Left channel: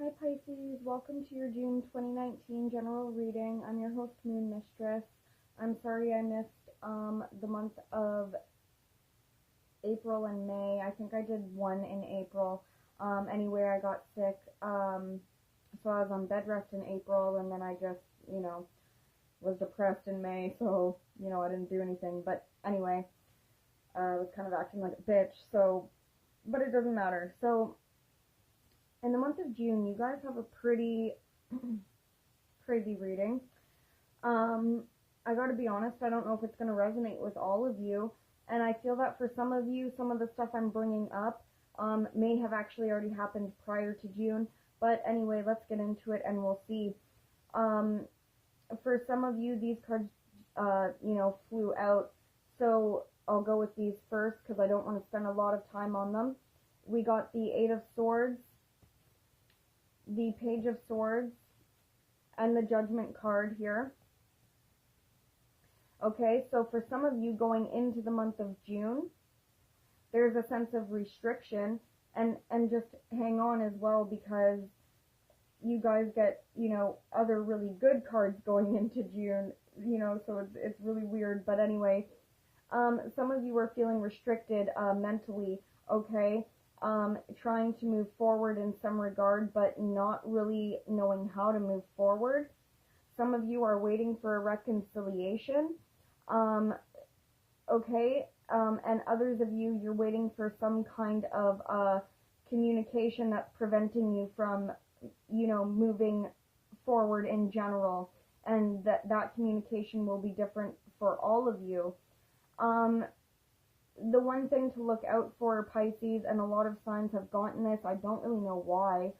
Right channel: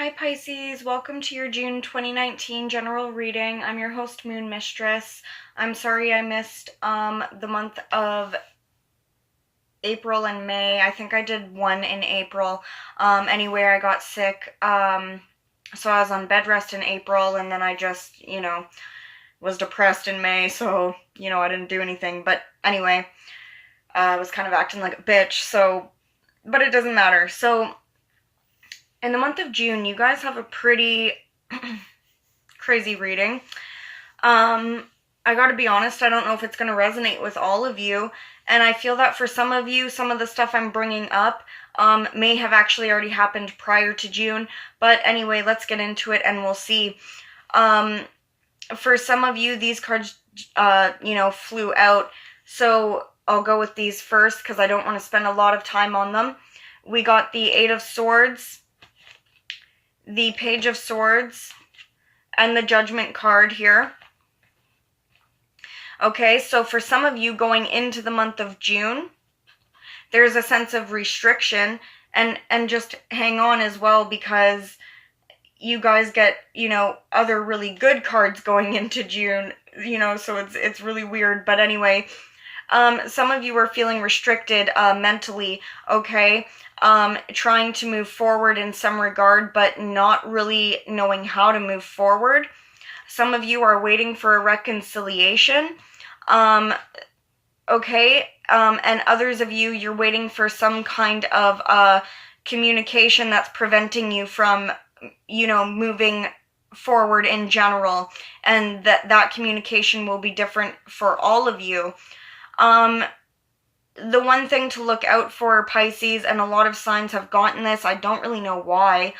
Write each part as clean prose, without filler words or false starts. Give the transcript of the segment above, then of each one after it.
Hi Pisces, welcome to your June 2019 general reading. I'm your host, Moon Mistress. I'm sorry I missed the month of April and May. I think I did one in April. Anyway, I got sick, so I was on bed rest in April, and then I just, was depressed in May, so, I didn't do anything. But anyway, I was kind of acting like a bitch, but it doesn't matter. So, in the month of June, you guys have a pretty crazy reading. I gotta be honest, I don't know if it's gonna resonate with all of you, and I feel that for some of you, some of the stuff I'm bringing up may have actually already happened prior to June, but anyway, let's get into it and we'll see. For some of you, these cards, flew out, so I'll go with these first because I don't want to spend a lot of time on them. We got the Eight of Swords, the Page of Swords, and the Judgment card here. Okay, so for some of you going into the month of June, there's a sense of restriction, and just hang on as well, because you guys get, other really good cards going into June, so it's really weird. But anyway, some of you are feeling restricted mentally, okay? Trying to move forward in some regard, but not really knowing how to move forward. Some of you are waiting for a reconciliation, okay? And others of you, you're waiting for some kind of communication that's preventing you from, moving forward in general, and that communication will be different for all of you. The one thing to look out for, Pisces, and a lot of signs have gotten this, I don't really know why,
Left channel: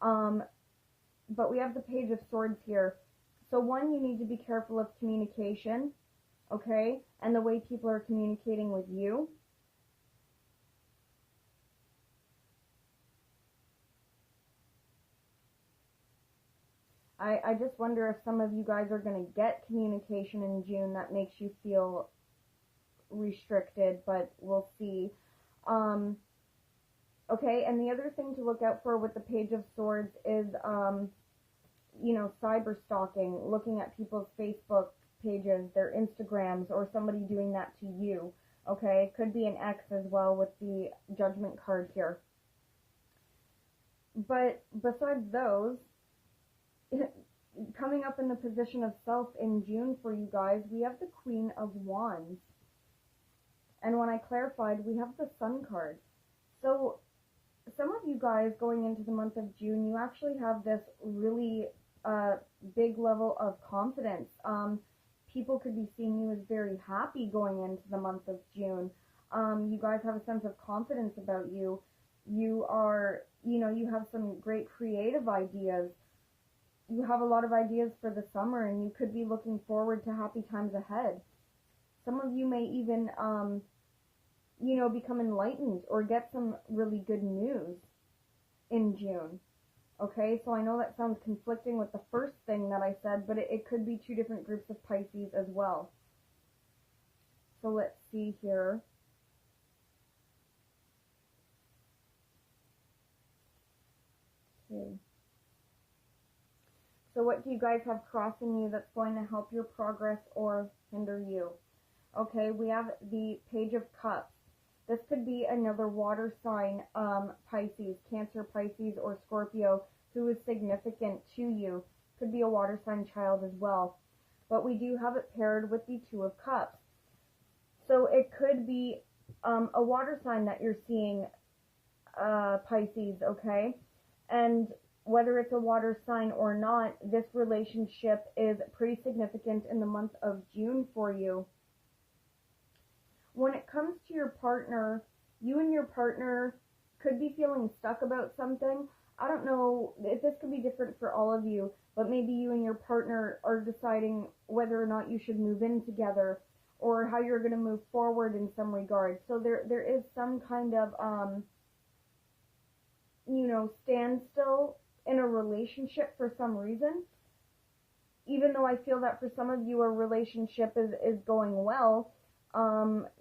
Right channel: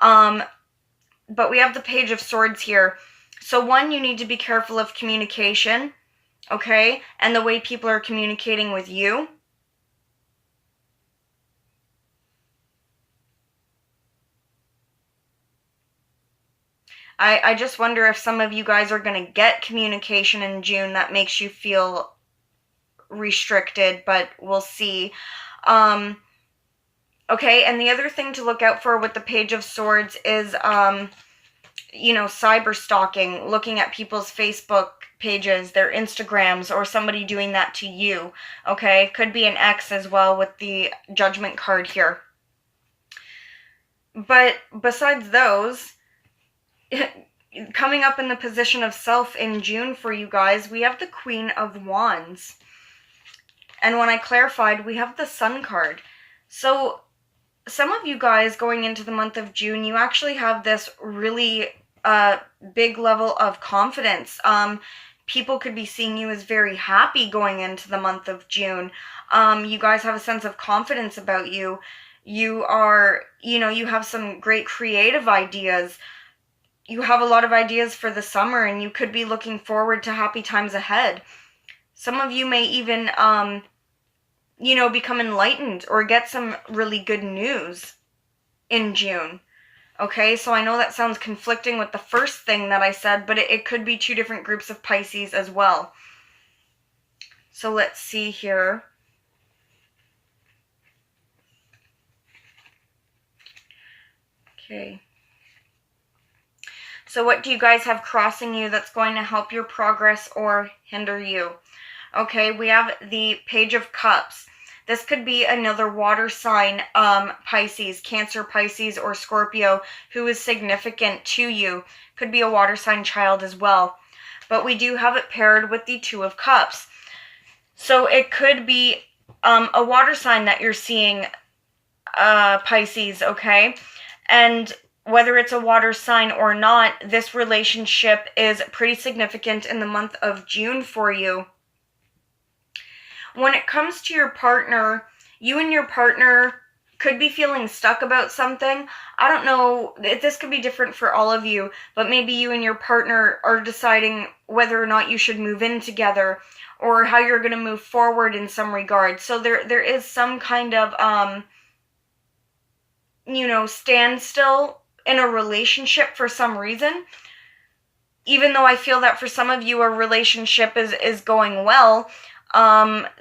but we have the Page of Swords here. So one, you need to be careful of communication, okay, and the way people are communicating with you. I just wonder if some of you guys are going to get communication in June that makes you feel restricted, but we'll see. Okay, and the other thing to look out for with the Page of Swords is, cyber stalking, looking at people's Facebook pages, their Instagrams, or somebody doing that to you, okay? Could be an ex as well with the Judgment card here. But besides those, coming up in the position of self in June for you guys, we have the Queen of Wands. And when I clarified, we have the Sun card. So some of you guys going into the month of June, you actually have this really big level of confidence. People could be seeing you as very happy going into the month of June. You guys have a sense of confidence about you. You are, you have some great creative ideas. You have a lot of ideas for the summer, and you could be looking forward to happy times ahead. Some of you may even, become enlightened or get some really good news in June. Okay, so I know that sounds conflicting with the first thing that I said, but it could be two different groups of Pisces as well. So let's see here. Okay. So what do you guys have crossing you that's going to help your progress or hinder you? Okay, we have the Page of Cups. This could be another water sign, Pisces, Cancer, Pisces, or Scorpio, who is significant to you. Could be a water sign child as well. But we do have it paired with the Two of Cups. So it could be a water sign that you're seeing, Pisces, okay? And whether it's a water sign or not, this relationship is pretty significant in the month of June for you. When it comes to your partner, you and your partner could be feeling stuck about something. I don't know, this could be different for all of you, but maybe you and your partner are deciding whether or not you should move in together, or how you're going to move forward in some regard. So there is some kind of, standstill in a relationship for some reason. Even though I feel that for some of you a relationship is going well,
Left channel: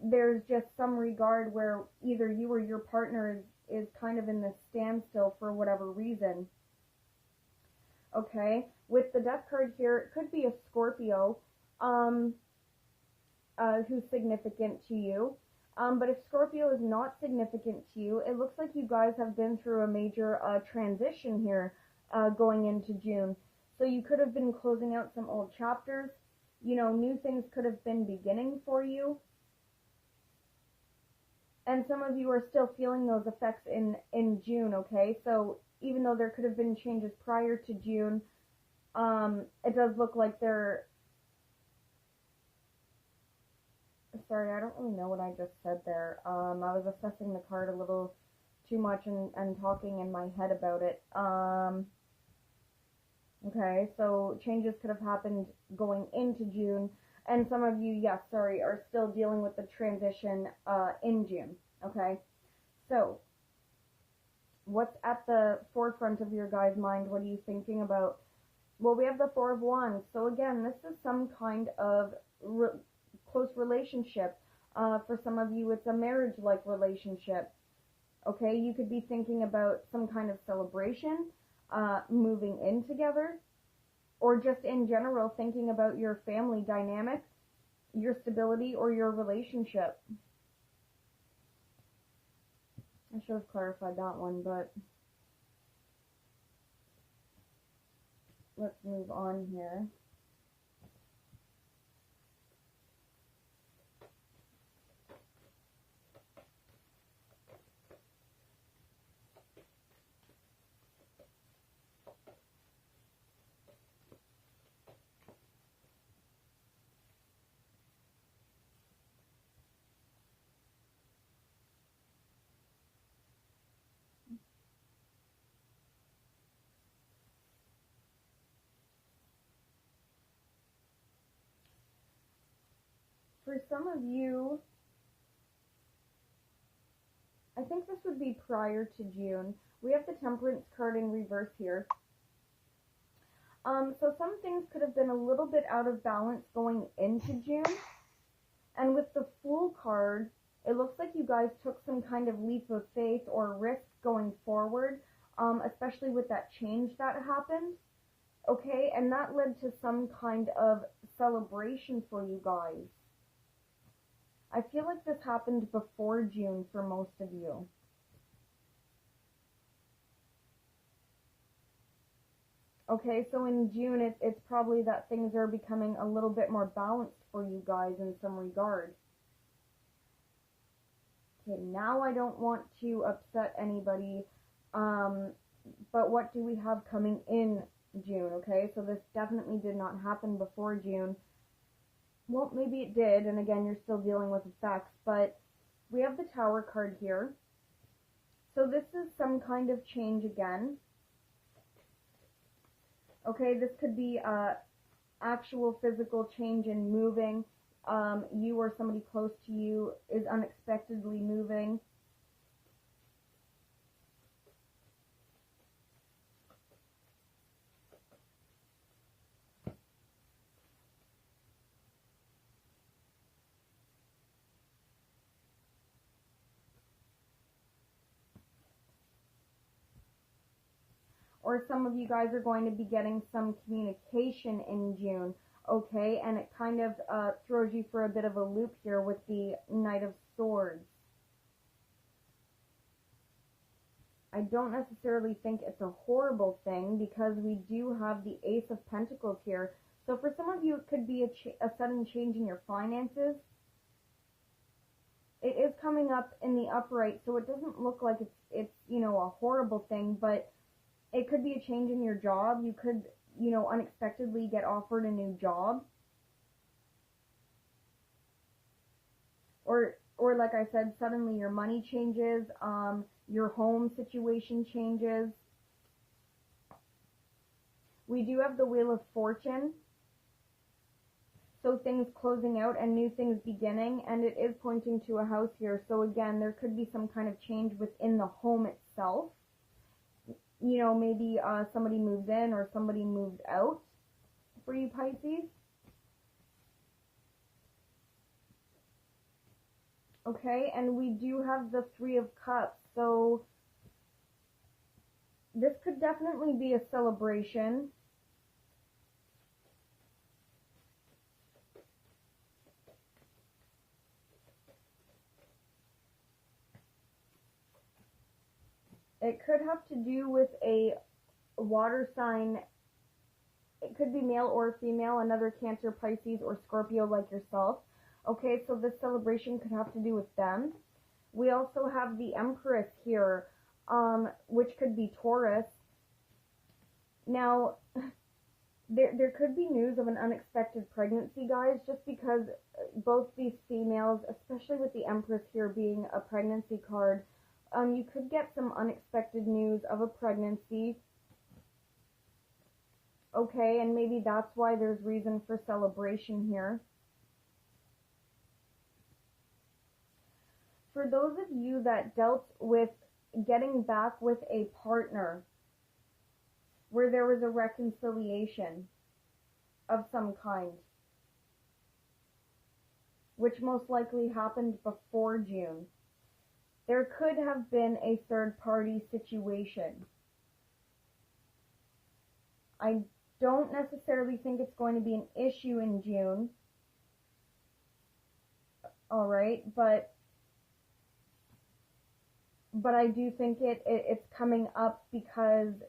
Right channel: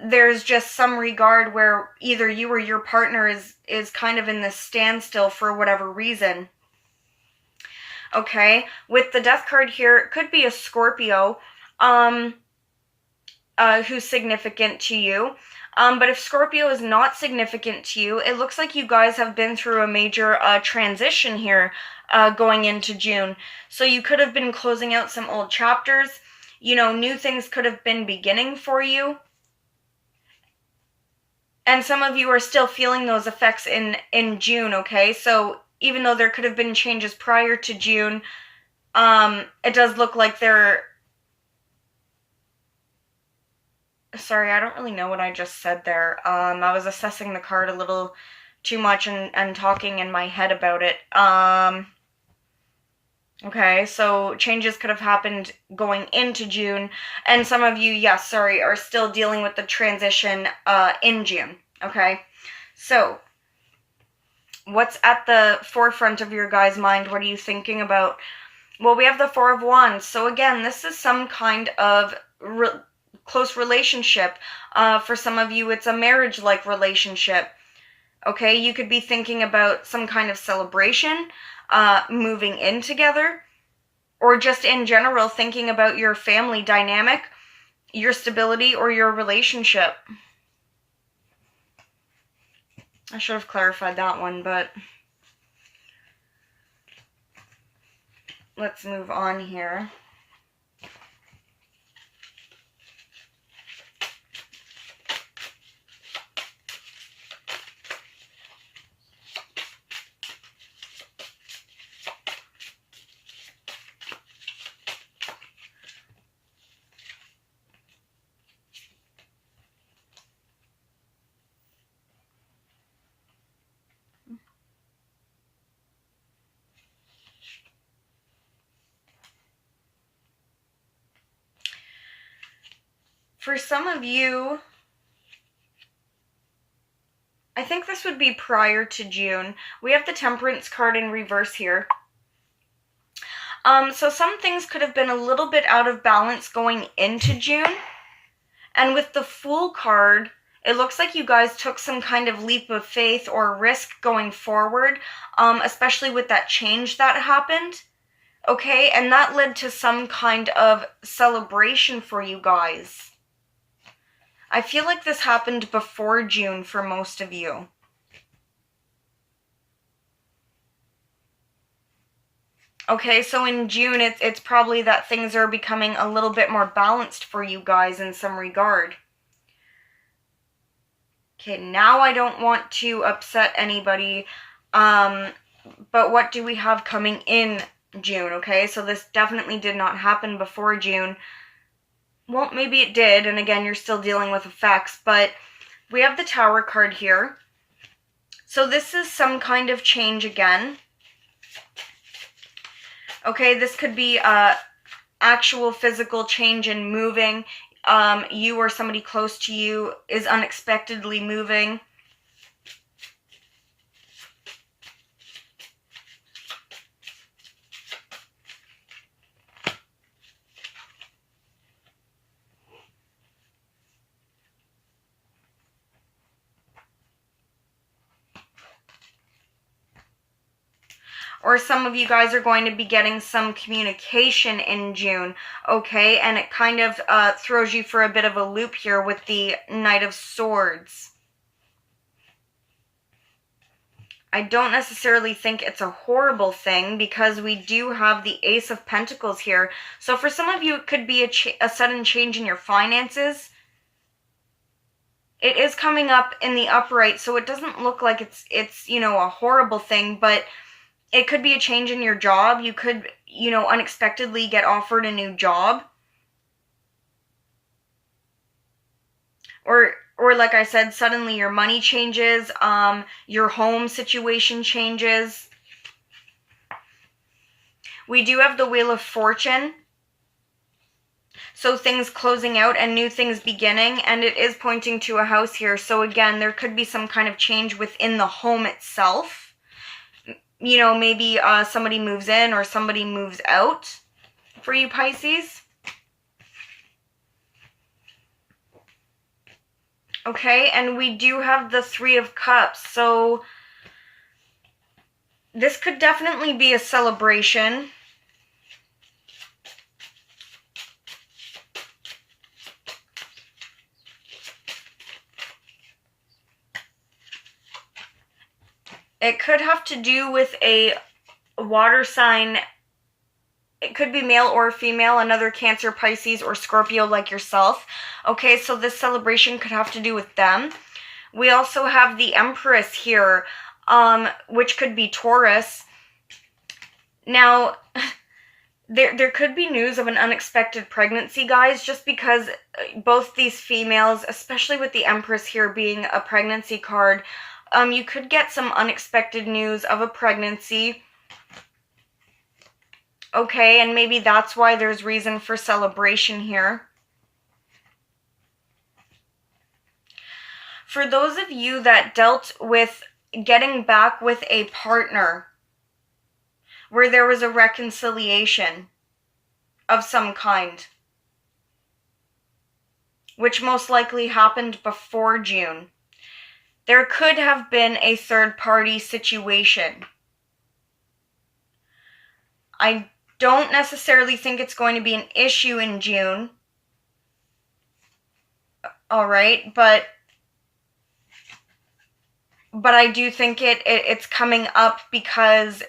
there's just some regard where either you or your partner is kind of in this standstill for whatever reason. okay? With the Death card here, it could be a Scorpio who's significant to you. But if Scorpio is not significant to you, it looks like you guys have been through a major transition here going into June. So you could have been closing out some old chapters. You know, new things could have been beginning for you. And some of you are still feeling those effects in June, okay? So even though there could have been changes prior to June, it does look like they're... Sorry, I don't really know what I just said there. I was assessing the card a little too much and talking in my head about it. Okay, so changes could have happened going into June, and some of you, yes, sorry, are still dealing with the transition in June, okay? So, what's at the forefront of your guys' mind? What are you thinking about? Well, we have the Four of Wands, so again, this is some kind of close relationship. For some of you, it's a marriage-like relationship, okay? You could be thinking about some kind of celebration, moving in together, or just in general thinking about your family dynamic, your stability, or your relationship. I should have clarified that one, but let's move on here. For some of you, I think this would be prior to June. We have the Temperance card in reverse here. So some things could have been a little bit out of balance going into June. And with the Fool card, it looks like you guys took some kind of leap of faith or risk going forward, especially with that change that happened. Okay, and that led to some kind of celebration for you guys. I feel like this happened before June for most of you. Okay, so in June, it's probably that things are becoming a little bit more balanced for you guys in some regard. Okay, now I don't want to upset anybody, but what do we have coming in June, okay? So this definitely did not happen before June. Well, maybe it did, and again, you're still dealing with effects, but we have the Tower card here. So this is some kind of change again. Okay, this could be actual physical change in moving. You or somebody close to you is unexpectedly moving. Or some of you guys are going to be getting some communication in June, okay? And it kind of throws you for a bit of a loop here with the Knight of Swords. I don't necessarily think it's a horrible thing because we do have the Ace of Pentacles here. So for some of you, it could be a sudden change in your finances. It is coming up in the upright, so it doesn't look like it's you know, a horrible thing, but it could be a change in your job. You could, you know, unexpectedly get offered a new job. Or like I said, suddenly your money changes, your home situation changes. We do have the Wheel of Fortune. So things closing out and new things beginning, and it is pointing to a house here. So again, there could be some kind of change within the home itself. You know, maybe somebody moves in or somebody moves out for you Pisces. Okay, and we do have the Three of Cups. So this could definitely be a celebration. It could have to do with a water sign. It could be male or female, another Cancer, Pisces, or Scorpio like yourself. Okay, so this celebration could have to do with them. We also have the Empress here, which could be Taurus. Now, there could be news of an unexpected pregnancy, guys, just because both these females, especially with the Empress here being a pregnancy card, you could get some unexpected news of a pregnancy. Okay, and maybe that's why there's reason for celebration here. For those of you that dealt with getting back with a partner where there was a reconciliation of some kind, which most likely happened before June, there could have been a third-party situation. I don't necessarily think it's going to be an issue in June. All right, but I do think it's coming up because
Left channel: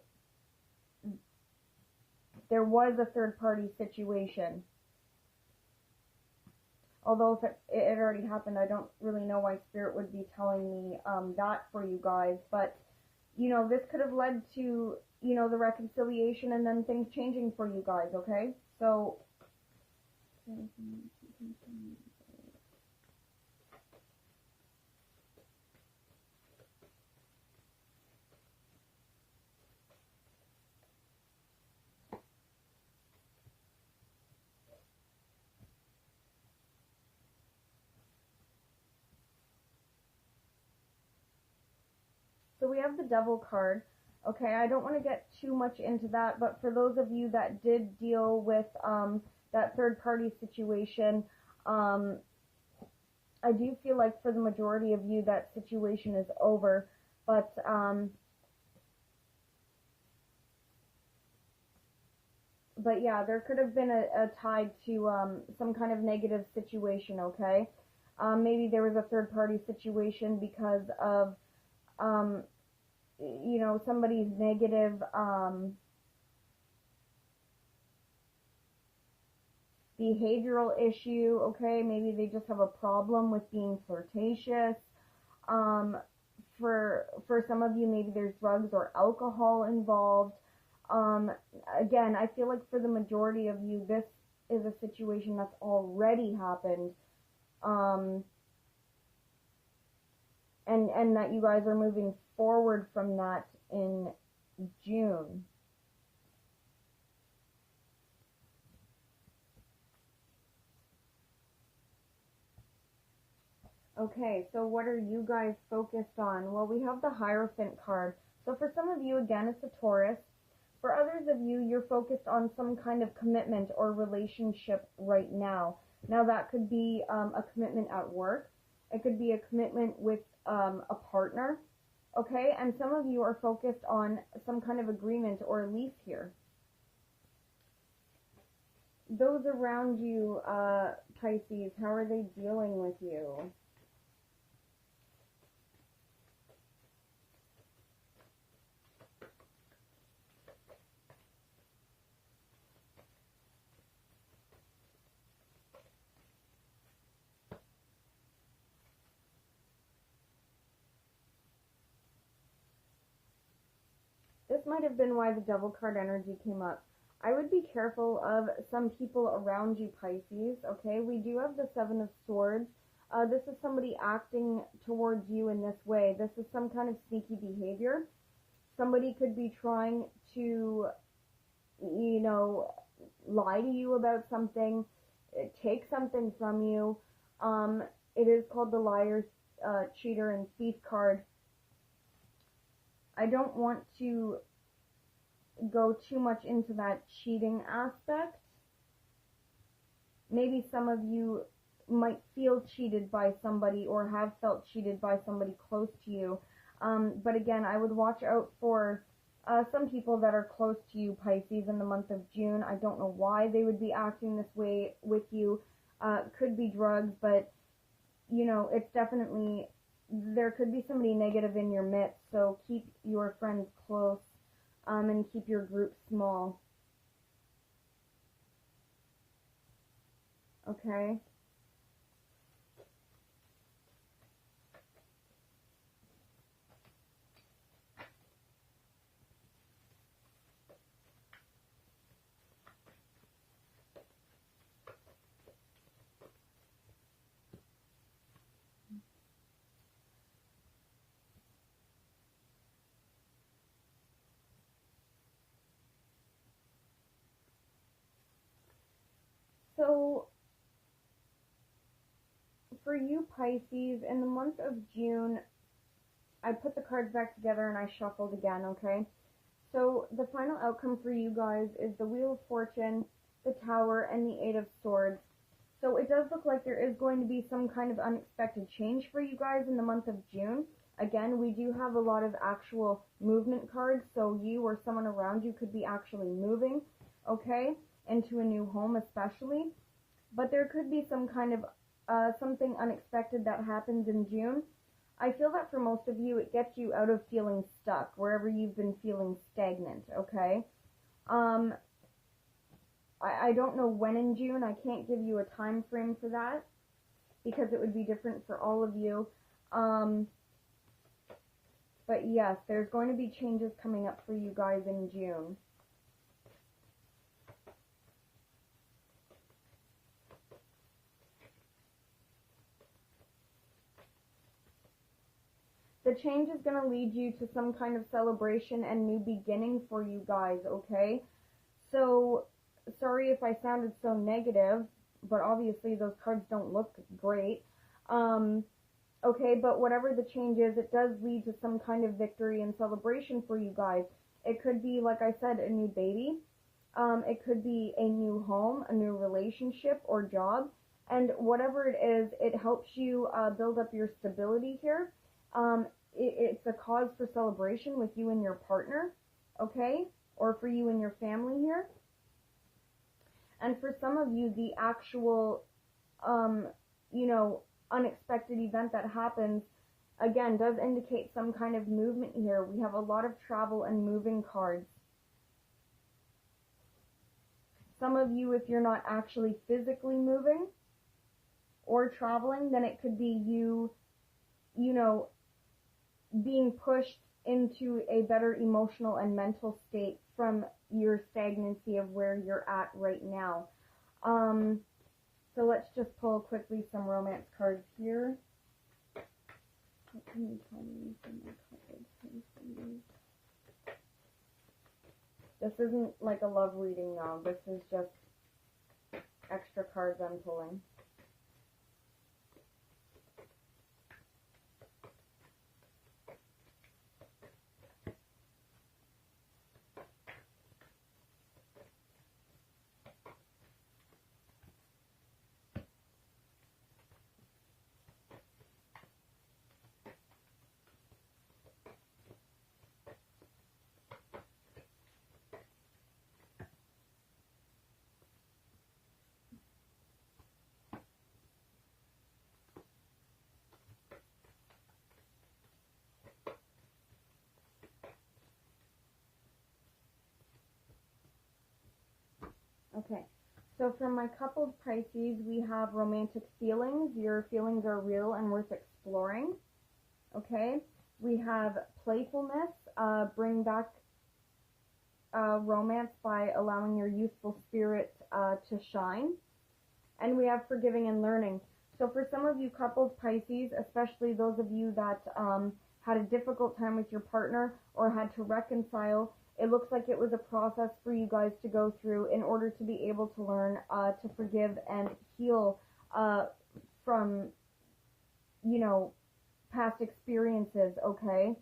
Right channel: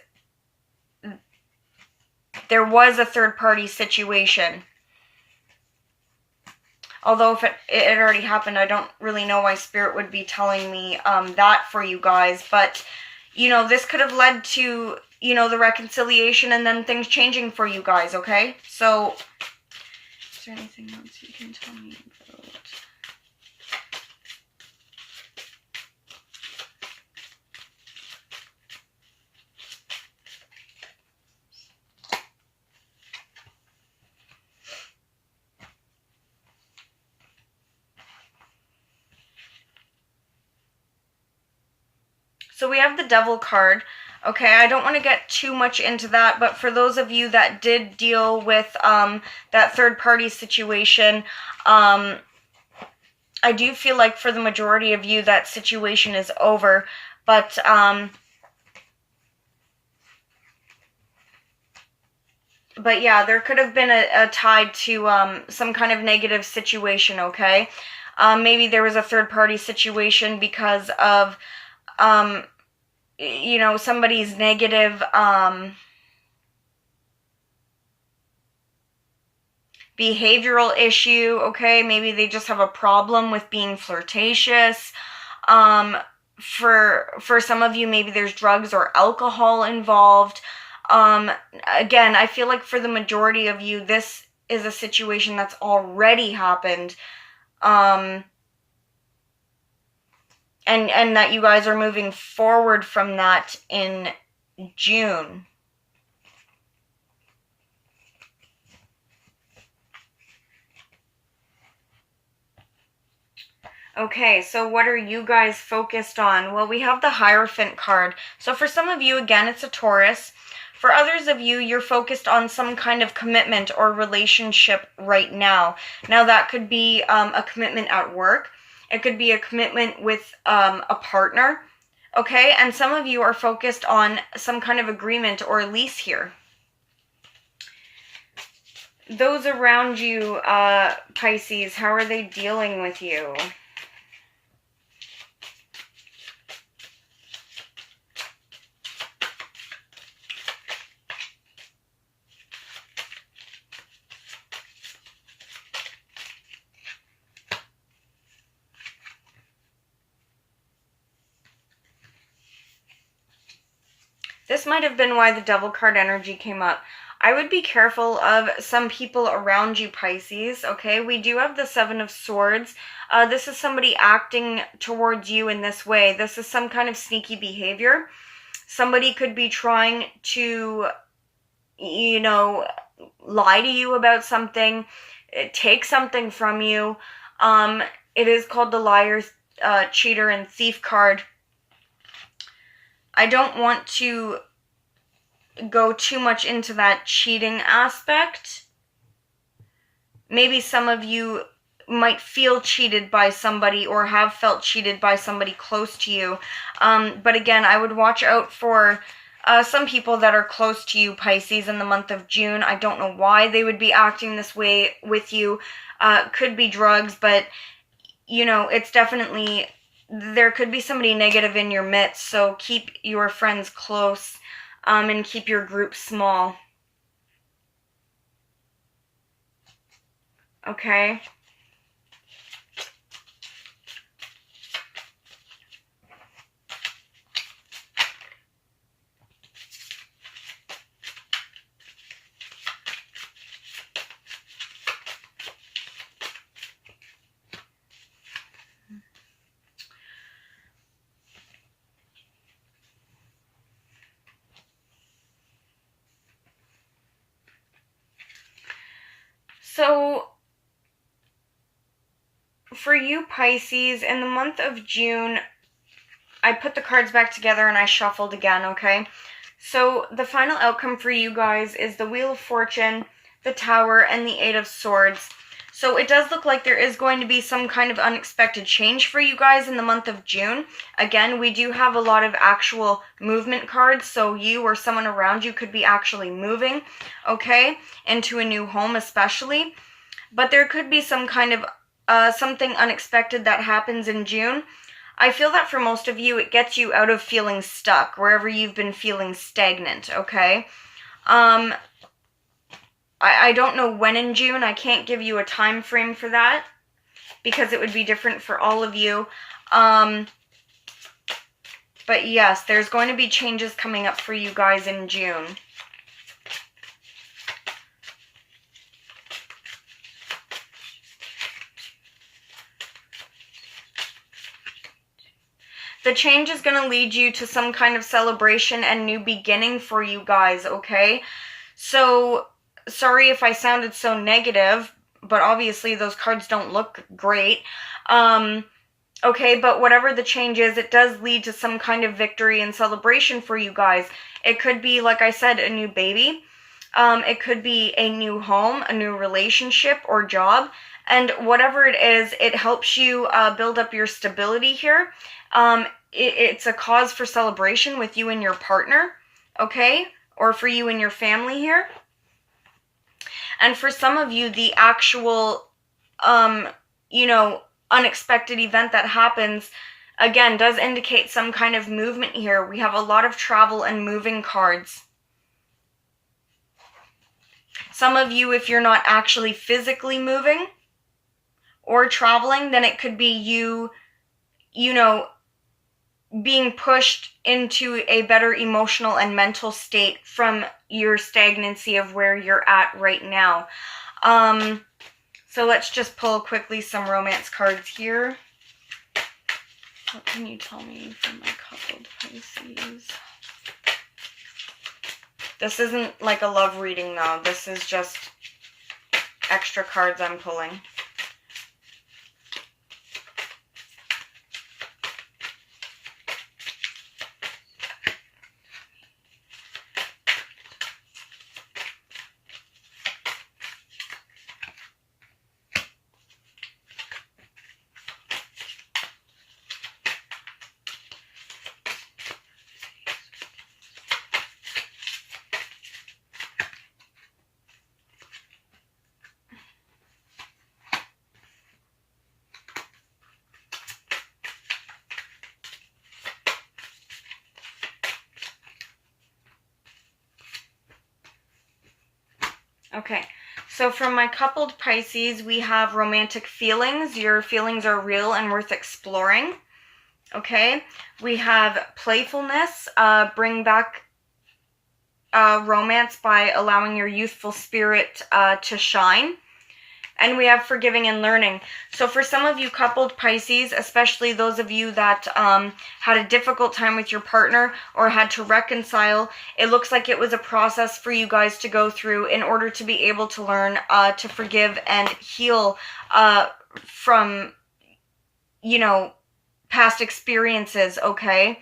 there was a third-party situation. Although if it already happened, I don't really know why Spirit would be telling me that for you guys. But, you know, this could have led to, you know, the reconciliation and then things changing for you guys, okay? So, is there anything else you can tell me about? So we have the Devil card. Okay, I don't want to get too much into that, but for those of you that did deal with that third-party situation, I do feel like for the majority of you that situation is over, but yeah, there could have been a tie to some kind of negative situation, okay? Maybe there was a third-party situation because of you know, somebody's negative behavioral issue, okay? Maybe they just have a problem with being flirtatious. For some of you, maybe there's drugs or alcohol involved. Again, I feel like for the majority of you, this is a situation that's already happened. And that you guys are moving forward from that in June. Okay, so what are you guys focused on? Well, we have the Hierophant card. So for some of you, again, it's a Taurus. For others of you, you're focused on some kind of commitment or relationship right now. Now, that could be a commitment at work. It could be a commitment with a partner, okay? And some of you are focused on some kind of agreement or lease here. Those around you, Pisces, how are they dealing with you? This might have been why the Devil card energy came up. I would be careful of some people around you, Pisces, okay? We do have the Seven of Swords. This is somebody acting towards you in this way. This is some kind of sneaky behavior. Somebody could be trying to, you know, lie to you about something, take something from you. It is called the Liar, Cheater, and Thief card. I don't want to go too much into that cheating aspect. Maybe some of you might feel cheated by somebody or have felt cheated by somebody close to you. But again, I would watch out for some people that are close to you, Pisces, in the month of June. I don't know why they would be acting this way with you. Could be drugs, but, you know, it's definitely there could be somebody negative in your midst, so keep your friends close, and keep your group small. Okay? So, for you Pisces, in the month of June, I put the cards back together and I shuffled again, okay? So the final outcome for you guys is the Wheel of Fortune, the Tower, and the Eight of Swords. So it does look like there is going to be some kind of unexpected change for you guys in the month of June. Again, we do have a lot of actual movement cards, so you or someone around you could be actually moving, okay, into a new home especially. But there could be some kind of something unexpected that happens in June. I feel that for most of you, it gets you out of feeling stuck, wherever you've been feeling stagnant, okay? I don't know when in June. I can't give you a time frame for that because it would be different for all of you. But yes, there's going to be changes coming up for you guys in June. The change is going to lead you to some kind of celebration and new beginning for you guys, okay? So, sorry if I sounded so negative, but obviously those cards don't look great. Okay, but whatever the change is, it does lead to some kind of victory and celebration for you guys. It could be, like I said, a new baby. It could be a new home, a new relationship or job. And whatever it is, it helps you build up your stability here. It's a cause for celebration with you and your partner, okay? Or for you and your family here. And for some of you, the actual, unexpected event that happens, again, does indicate some kind of movement here. We have a lot of travel and moving cards. Some of you, if you're not actually physically moving or traveling, then it could be you being pushed into a better emotional and mental state from your stagnancy of where you're at right now. So let's just pull quickly some romance cards here. What can you tell me from my coupled Pisces? This isn't like a love reading though. This is just extra cards I'm pulling. Okay, so from my coupled Pisces, we have romantic feelings. Your feelings are real and worth exploring. Okay, we have playfulness. Bring back romance by allowing your youthful spirit to shine. And we have forgiving and learning. So for some of you coupled Pisces, especially those of you that had a difficult time with your partner or had to reconcile, it looks like it was a process for you guys to go through in order to be able to learn to forgive and heal from, past experiences, okay?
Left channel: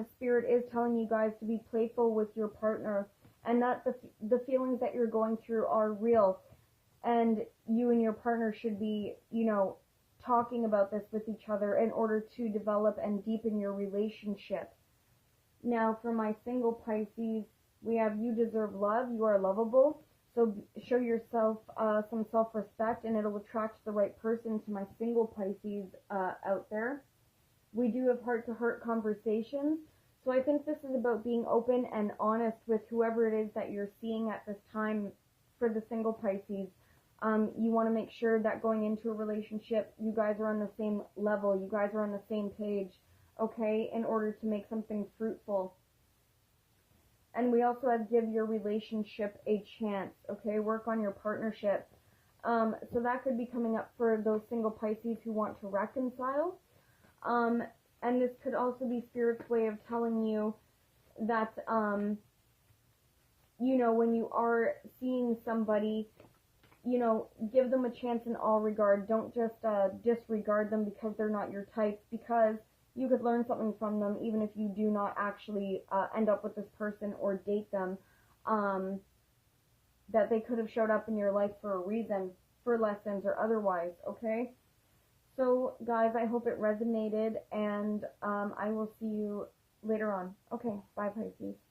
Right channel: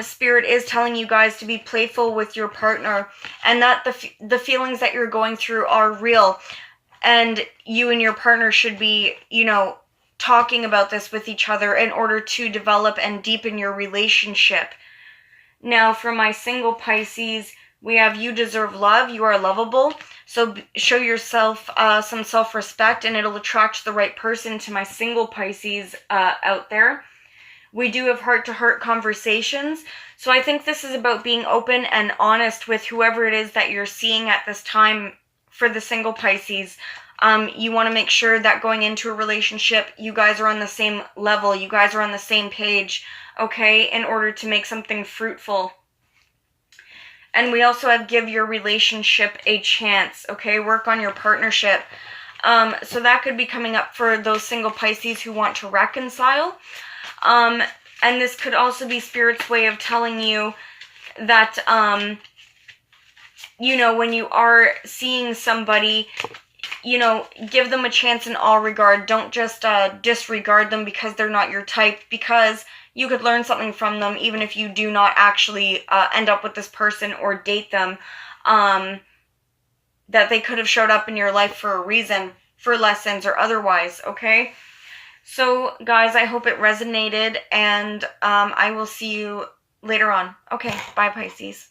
Spirit is telling you guys to be playful with your partner and that the feelings that you're going through are real. And you and your partner should be, talking about this with each other in order to develop and deepen your relationship. Now, for my single Pisces, we have you deserve love. You are lovable. So show yourself some self-respect and it'll attract the right person to my single Pisces out there. We do have heart-to-heart conversations. So I think this is about being open and honest with whoever it is that you're seeing at this time for the single Pisces. You want to make sure that going into a relationship, you guys are on the same level, you guys are on the same page, okay, in order to make something fruitful. And we also have give your relationship a chance, okay? Work on your partnership. So that could be coming up for those single Pisces who want to reconcile. And this could also be Spirit's way of telling you that, you know, when you are seeing somebody, you know, give them a chance in all regard. Don't just disregard them because they're not your type, because you could learn something from them even if you do not actually end up with this person or date them. That they could have showed up in your life for a reason, for lessons or otherwise, okay? So, guys, I hope it resonated, and I will see you later on. Okay, bye, Pisces.